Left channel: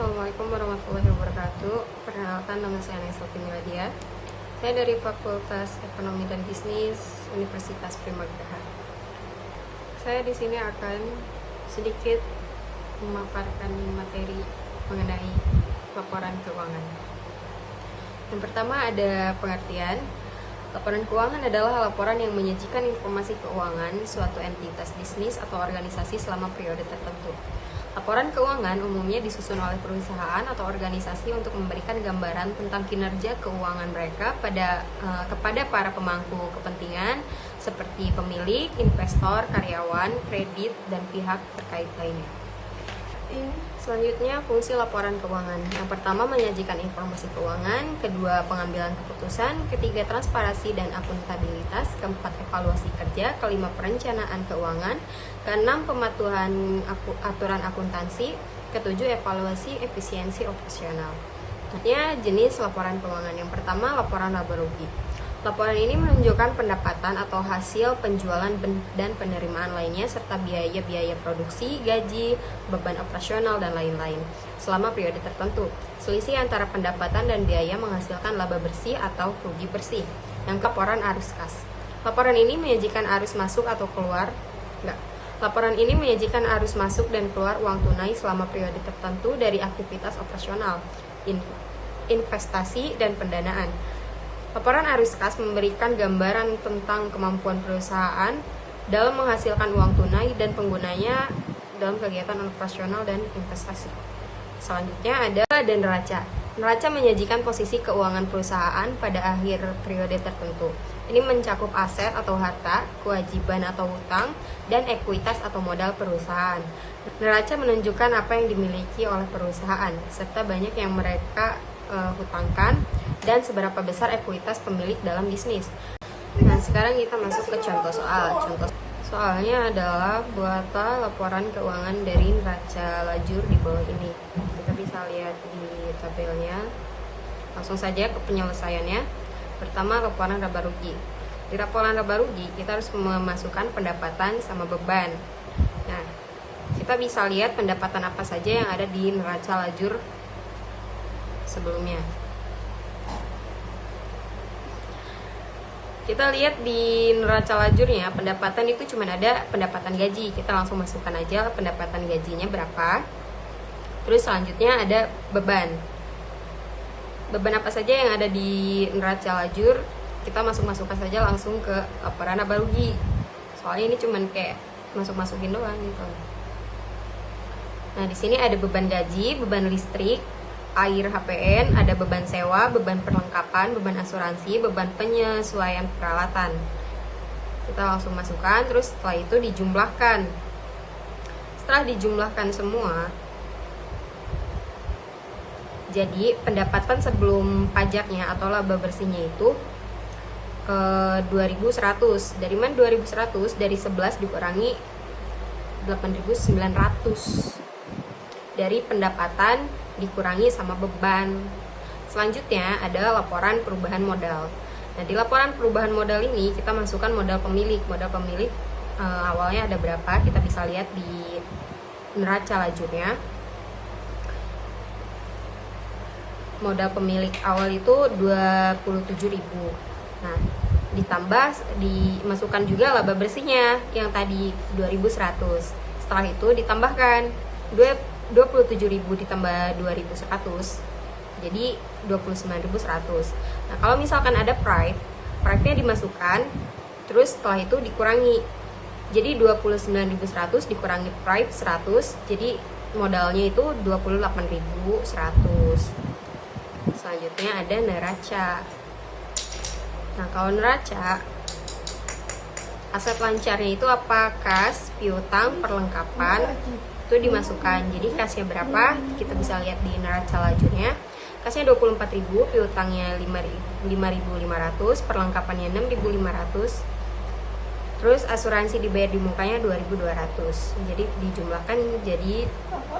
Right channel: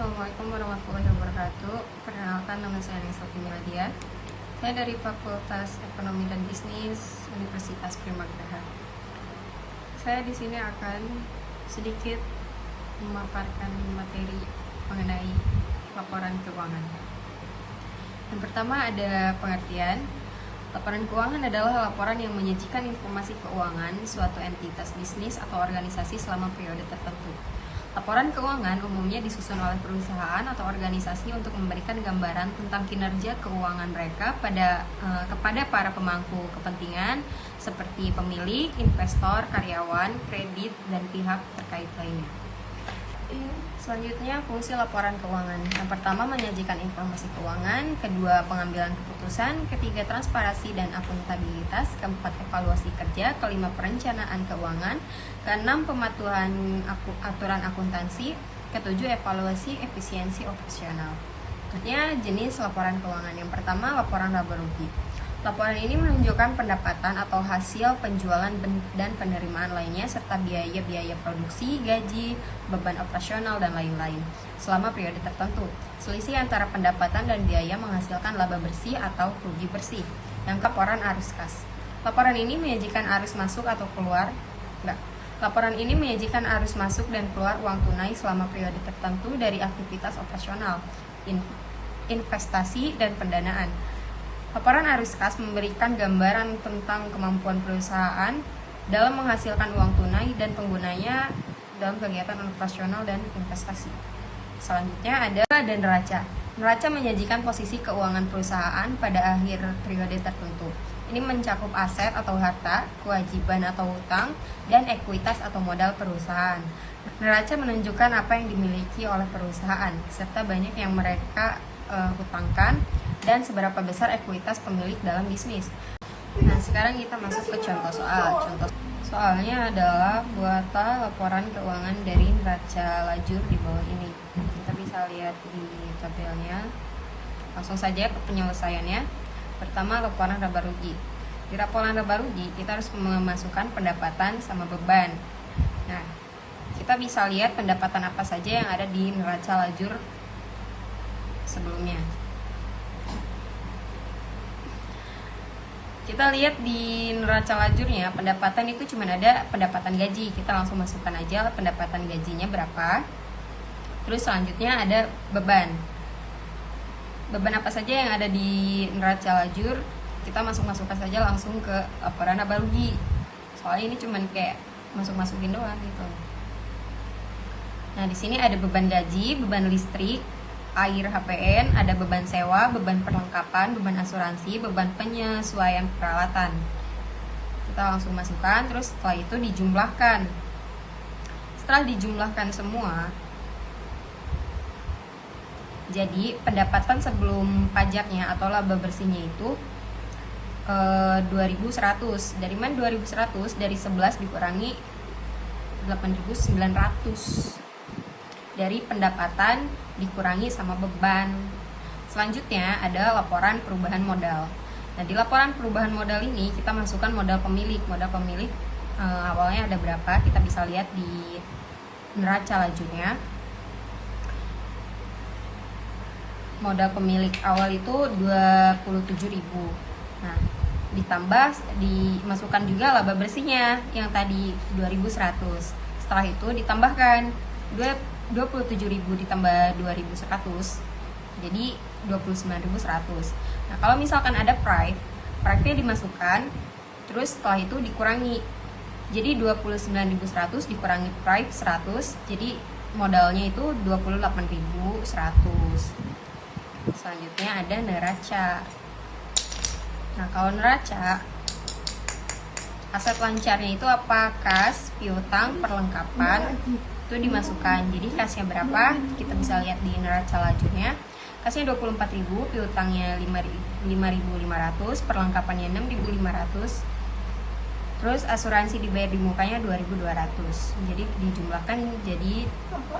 Assalamualaikum warahmatullahi wabarakatuh. Perkenalkan, nama saya Naisofi Miladia. Saya dari Fakultas Ekonomi dan Bisnis Universitas Primagraha. Saya di sini akan sedikit memaparkan materi mengenai laporan keuangan. Yang pertama ada pengertian. Laporan keuangan adalah laporan yang menyajikan informasi keuangan suatu entitas bisnis atau organisasi selama periode tertentu. Laporan keuangan umumnya disusun oleh perusahaan atau organisasi untuk memberikan gambaran tentang kinerja keuangan mereka kepada para pemangku kepentingan seperti pemilik, investor, karyawan, kredit, dan pihak terkait lainnya. Selanjutnya, fungsi laporan keuangan. Yang pertama, menyajikan informasi keuangan. Kedua, pengambilan keputusan. Ketiga, transparansi dan akuntabilitas. Keempat, evaluasi kerja. Kelima, perencanaan keuangan. Keenam, pematuhan aturan akuntansi. Ketujuh, evaluasi efisiensi operasional. Jenis laporan keuangan. Yang pertama, laporan laba rugi. Laporan ini menunjukkan pendapatan atau hasil penjualan dan penerimaan lainnya serta biaya-biaya produksi, gaji, beban operasional, dan lain-lain selama periode tertentu. Selisih antara pendapatan dan biaya menghasilkan laba bersih atau rugi bersih. Yang laporan arus kas. Laporan ini menyajikan arus masuk atau keluar. Laporan ini menyajikan arus masuk dan keluar uang tunai selama periode tertentu dari aktivitas operasional, investasi, dan pendanaan. Laporan arus kas memberikan gambaran tentang kemampuan perusahaan dalam menghasilkan uang tunai dan penggunanya dalam kegiatan operasional dan investasi. Selanjutnya ada neraca. Neraca menyajikan posisi keuangan perusahaan pada akhir periode tertentu. Ini mencakup aset atau harta, kewajiban atau hutang, dan ekuitas atau modal perusahaan. Neraca menunjukkan apa yang dimiliki oleh perusahaan, serta banyak yang mereka hutangkan, dan seberapa besar ekuitas pemilik dalam bisnis. Nah, sekarang kita masuk ke contoh soal. Contoh soalnya adalah buatlah laporan keuangan dari neraca lajur di bawah ini. Kita bisa lihat di tabelnya. Langsung saja ke penyelesaiannya. Pertama, laporan laba rugi. Di laporan laba rugi, kita harus memasukkan pendapatan sama beban. Nah, kita bisa lihat pendapatan apa saja yang ada di neraca lajur sebelumnya. Kita lihat di neraca lajurnya, pendapatan itu cuma ada pendapatan gaji. Kita langsung masukkan aja pendapatan gajinya berapa. Terus selanjutnya ada beban. Beban apa saja yang ada di neraca lajur, kita masukkan saja langsung ke laporan laba rugi. Soalnya ini cuma kayak masukin doang gitu. Nah, di sini ada beban gaji, beban listrik, air HPN, ada beban sewa, beban perlengkapan, beban asuransi, beban penyesuaian peralatan. Kita langsung masukkan, terus setelah itu dijumlahkan. Setelah dijumlahkan semua, jadi pendapatan sebelum pajaknya atau laba bersihnya itu 2.100. Dari mana 2.100? Dari 11 dikurangi 8.900. Dari pendapatan dikurangi sama beban. Selanjutnya ada laporan perubahan modal. Nah, di laporan perubahan modal ini kita masukkan modal pemilik. Modal pemilik awalnya ada berapa? Kita bisa lihat di neraca lajurnya. Modal pemilik awal itu 27.000. Nah, dimasukkan juga laba bersihnya yang tadi 2.100. Setelah itu ditambahkan 27.000 ditambah 2.100, jadi 29.100. Nah, kalau misalkan ada price-nya dimasukkan, terus setelah itu dikurangi. Jadi 29.100 dikurangi price 100, jadi modalnya itu 28.100. Selanjutnya ada neraca. Nah, kalau neraca, aset lancarnya itu apa? Kas, piutang, perlengkapan, itu dimasukkan. Jadi kasnya berapa? Kita bisa lihat di neraca lajurnya. Kasnya 24.000, piutangnya 5.500, perlengkapannya 6.500. Terus asuransi dibayar di mukanya 2.200. Jadi dijumlahkan jadi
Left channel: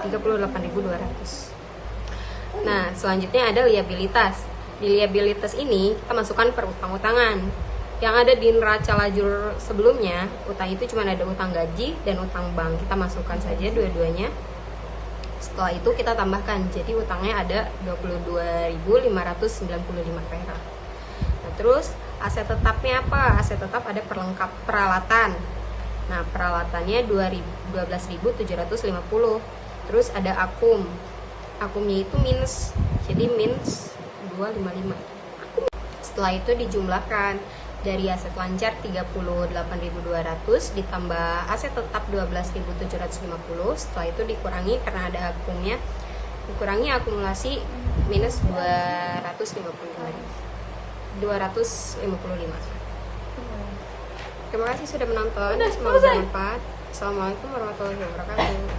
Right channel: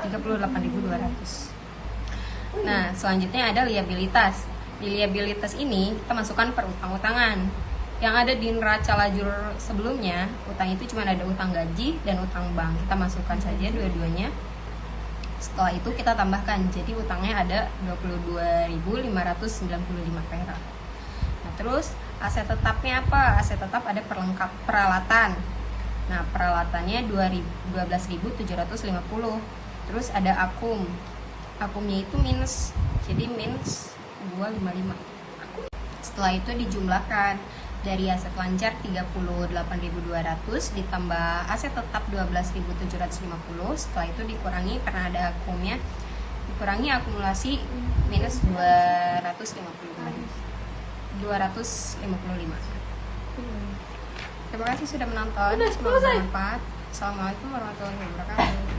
38.200. Nah, selanjutnya ada liabilitas. Di liabilitas ini kita masukkan per utang-utangan. Yang ada di neraca lajur sebelumnya, utang itu cuma ada utang gaji dan utang bank. Kita masukkan saja dua-duanya. Setelah itu kita tambahkan, jadi utangnya ada 22.595 perak. Nah, terus aset tetapnya apa? Aset tetap ada peralatan. Nah, peralatannya 12.750. Terus ada akum. Akumnya itu minus. Jadi minus 255. Setelah itu dijumlahkan dari aset lancar 38.200 ditambah aset tetap 12.750. Setelah itu dikurangi karena ada akumnya, dikurangi akumulasi minus 255. Terima kasih sudah menonton, semoga bermanfaat. Assalamualaikum warahmatullahi wabarakatuh.